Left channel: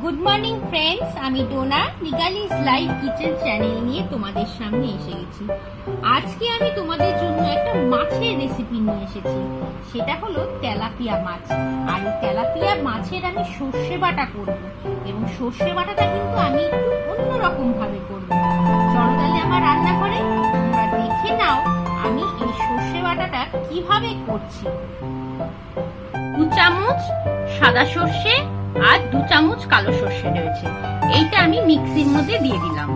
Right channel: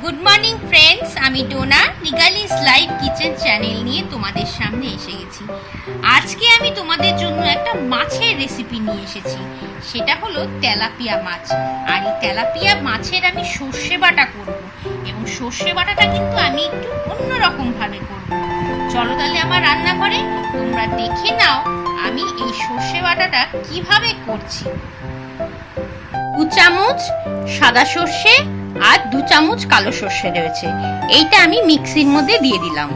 Good morning friends, আমি Dona নিগালিস live kitchen channel নিয়ে তোমাদের সামনে এসে গেছি। আজকে আমি তোমাদের জন্য একটা মাছের রেসিপি নিয়ে এসেছি। সেটা হলো তেলাপিয়া মাছ। আর এই তেলাপিয়া মাছের আমি সর্ষে বাটা করব, এবং সর্ষে বাটাটা কিন্তু আমি একটু অন্যরকম ভাবে করব। চলো তাহলে আমার রান্না করে তোমরা দেখে নাও আমি এই সর্ষে বাটাটা কিভাবে করছি। 2 চামচ সাদা সর্ষে আর 2 চামচ কালো সর্ষে রয়েছে। এইটা আমি মিক্সির মধ্যে দিয়ে দিলাম।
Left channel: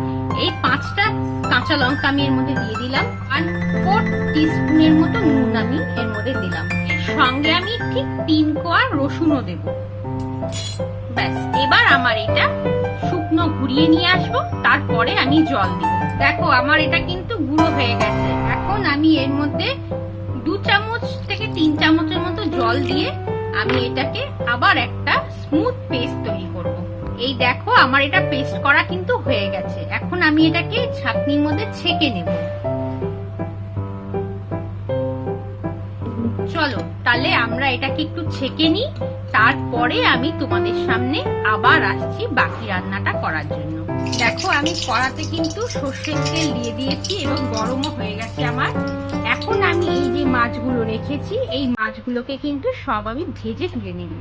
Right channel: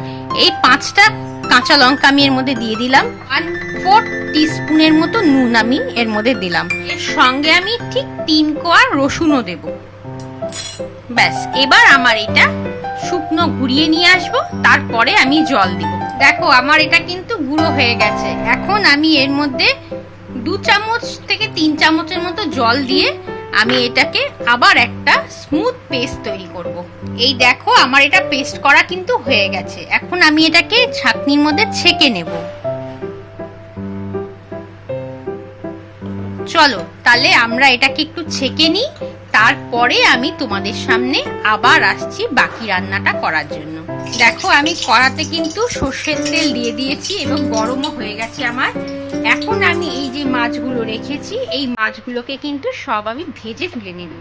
এই 5টা কাঁচা লঙ্কা আমি এর মধ্যে দিয়ে দিলাম। আর 4 টিস্পুনের মতো নুন আমি এর মধ্যে দিলাম। এর সঙ্গে আমি ঠিক 3 কোয়া রসুনও দেব। ব্যাস, এবার আমার এটা শুকনো গুঁড়িয়ে নিয়ে আসবো, তারপরে আমি জল দিব। দেখো আমার এটা কিন্তু গুঁড়ো হয়ে গেছে। এখন আমি এর মধ্যে 2 চামচ থেকে 3 চামচের মতো জল দিয়ে আমি এটাকে আবার একটা স্মুথ পেস্ট তৈরি করব। এই দেখো আমার এটা পেস্ট করা কিন্তু হয়ে গেছে। এখন আমি এটাকে ছাঁকনির মধ্যে ছেঁকে নেব। চলো তাহলে আমরা এটাকে একটু ছেঁকে নিই, তারপরে আমি তোমাদের সামনে আবার আসছি বাকি রান্নাটা করার জন্য। দেখো আমি কড়াতে কিন্তু সর্ষের তেল দিয়ে দিয়েছি এবং গরমও হয়ে গেছে আমার। এখন আমি এই যে মাছগুলো রেখেছি, এই মাছগুলোকে কিন্তু সব আমি ভেজে তুলে নেব।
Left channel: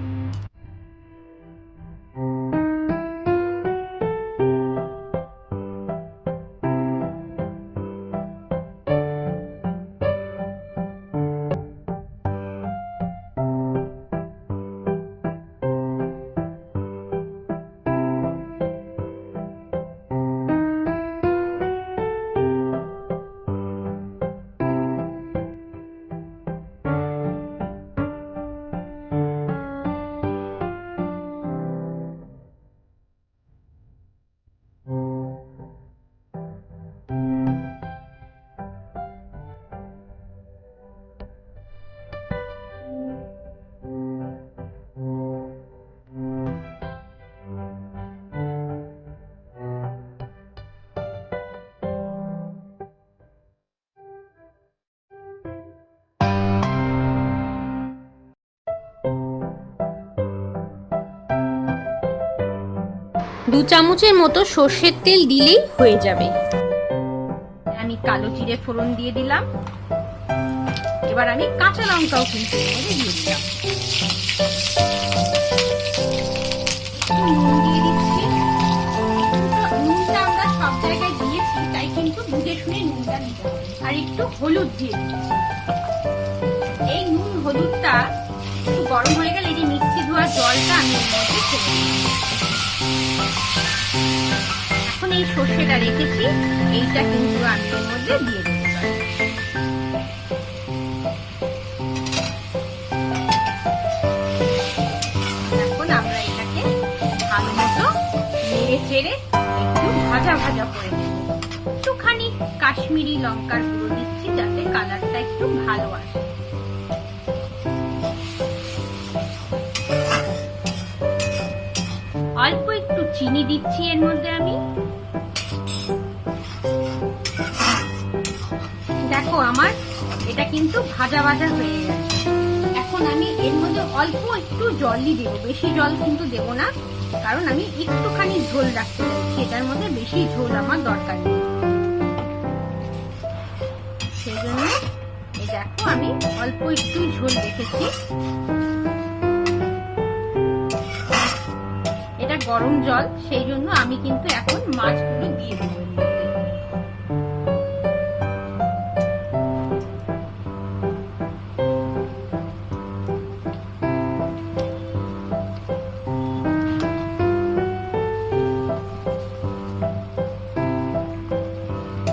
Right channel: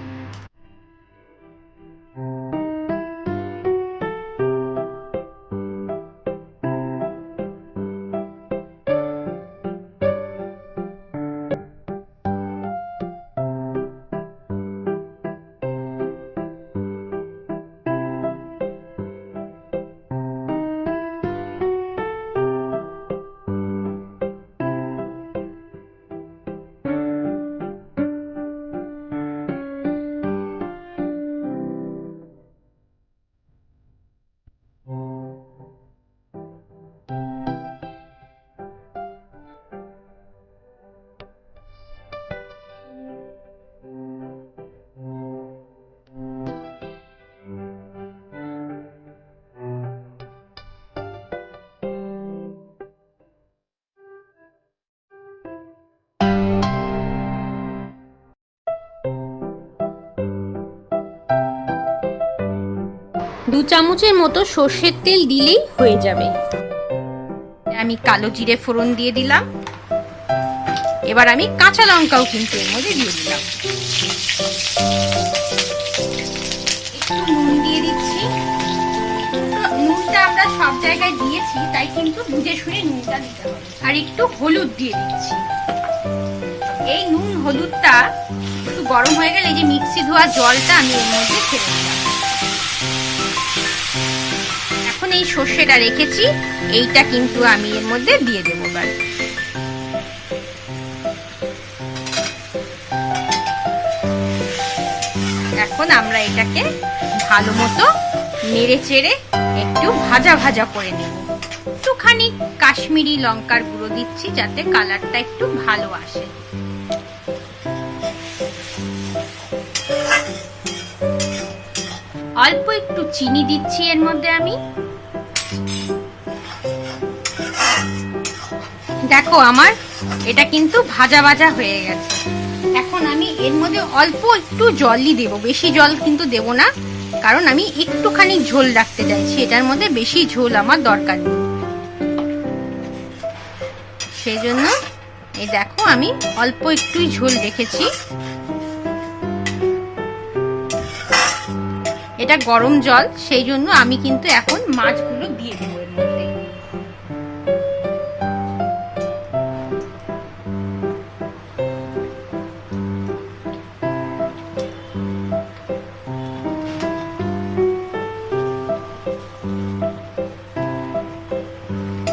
দু চামচের মতো সর্ষের তেল দিলেই হয়ে যাবে। আমি কালো জিরে ফোড়ন দিয়ে দিলাম। এবার আমি কাঁচা লঙ্কাও কিন্তু এর মধ্যে দিয়ে দিলাম। একটু নুন দিয়ে দিচ্ছি। নুনটা আমরা সব জায়গায় দিয়েছি, তাই কিন্তু বুঝে শুনে নুনটা দিতে হবে। আর একটু হলুদ দিয়ে দিচ্ছি। এই নুন হলুদটা একটু গরম হয়ে গেলে এই যে মিক্সি ধোয়া জলটা আমি এর মধ্যে ছেড়ে দিলাম। এখন এই সর্ষেটা রেখেছি, এইটা কিন্তু আমি এর মধ্যে দিয়ে দেবো। এখন আমরা এটাকে ভালো মতো নেড়ে চেড়ে একটু ভাজা ভাজা করে নেব। একটুখানি কাশ্মীরি লঙ্কার গুঁড়ো দিচ্ছি যাতে কালারটা একটু ভালো আসে। অল্প একটু চিনি দিচ্ছি এর মধ্যে আমি। দেখো আমার এটা কিন্তু ভাজা ভাজা হয়ে গেছে। এখন আমি এর মধ্যে অল্প একটু জলই দেব, বেশি জল কিন্তু দেব না, কারণ আমি একটুখানি ঝোল রাখতে চাইছি। এটার মধ্যে বেশি ঝোল আমার দরকার নেই। সেই জন্য এই দেখো আমি অল্প একটুই ঝোল রেখেছি। এটা গরম জল, সেই জন্য আমি কিন্তু এখন মাছগুলো দিয়ে দেবো এর মধ্যে।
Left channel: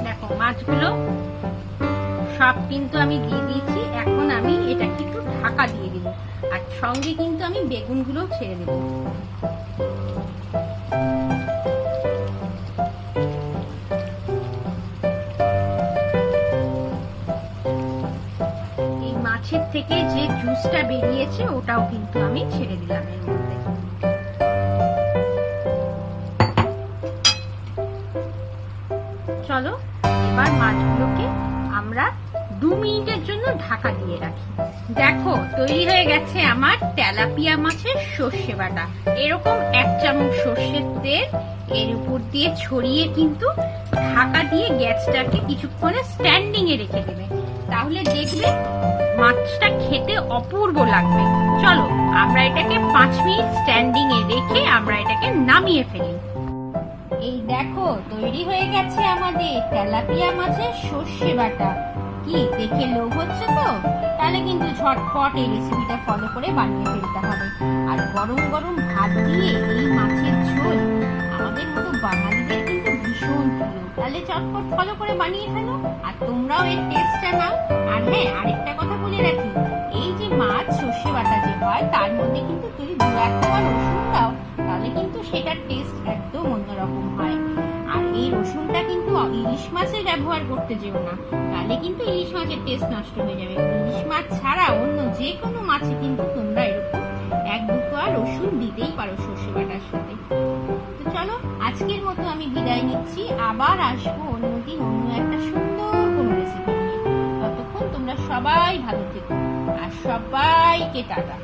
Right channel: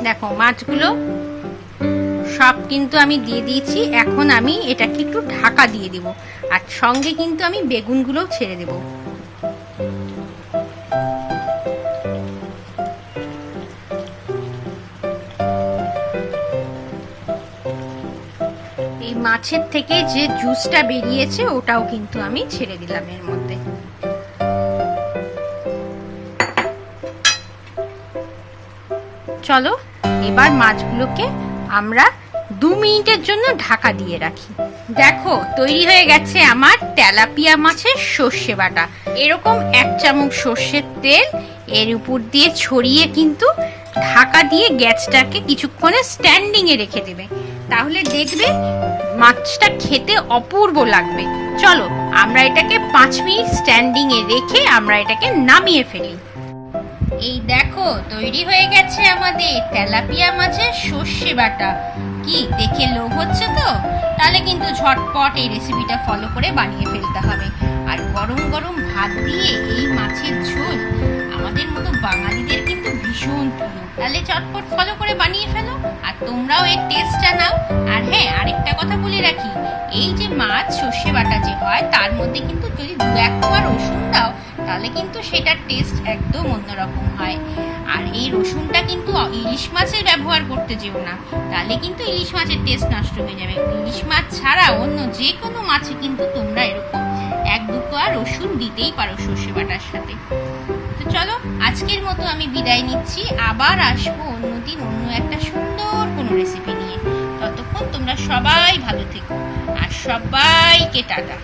দেখো মাছগুলো সব কিন্তু আমি দিয়ে দিয়েছি। এখন আমি এটাকে একটু ঢাকা দিয়ে দিব, আর সঙ্গে কিন্তু আমি বেগুনগুলো ছেড়ে দেব। এই মাছের থেকে যে জুসটা বেরিয়েছে ওটাও কিন্তু আমি ছেড়ে দিলাম এর মধ্যে। চলো এবার মাছগুলোকে আমরা মিনিটের জন্য ঢাকা দিয়ে রাখি। দেখো তৈরি হয়ে গেছে আমার তেলাপিয়া মাছের সর্ষে বাটা। এরকম 1 চামচ সর্ষের তেল এর উপর দিয়ে ছড়িয়ে কিন্তু ঢাকা দিয়ে গ্যাসটাকে কিছুক্ষণে স্ট্যান্ডিং এ রেখে দেবে, তাহলে দেখবে মাছটা খেতে অপূর্ব লাগবে। চলো আমরা এটাকে 5 মিনিট স্ট্যান্ডিং এ রেখে আমরা এটাকে নামিয়ে ফেলি। এই দেখো তৈরি হয়ে গেছে আমাদের তেলাপিয়া মাছের সর্ষে বাটা। কি দেখে লোভ হচ্ছে তো? তাহলে কিন্তু ঝটপট এই রেসিপিটা ফলো করে বানিয়ে ফেলতে হবে। আর গরম গরম ভাত দিয়ে এই মাছের ঝোল আমাদের মতো বাঙালিদের কিন্তু ভীষণ প্রিয়। তাহলে চটপট ফলো করে বানিয়ে ফেলো আর তোমরাও এর টেস্টটা নাও। আর হ্যাঁ, আরেকটা কথা বলে রাখি, এই যে মাছ সর্ষে বাটা যে হয় তার মধ্যে কিন্তু যদি 2-1 কোয়া রসুন দাও তাহলে কিন্তু সেটার টেস্ট একদম অন্যরকম হয়। আর এই রসুনটা কিন্তু ইলিশ মাছের ব্যবহার করতে যেও না, তাহলে কিন্তু ইলিশ মাছের টেস্ট নষ্ট হয়ে যাবে। ইলিশ মাছ ছাড়া অন্য যে কোনো মাছে কিন্তু তোমরা এরকম 1-2 কোয়া রসুন দিতেই পারো সর্ষে বাটার সাথে। তো চলো আজকের মতো আমি বিদায় নিচ্ছি, আবার আসবো অন্যদিন অন্য একটা সুন্দর কোনো রেসিপি নিয়ে। ততক্ষণ তোমরা সবাই ভালো থেকো আর সবাইকে টাটা।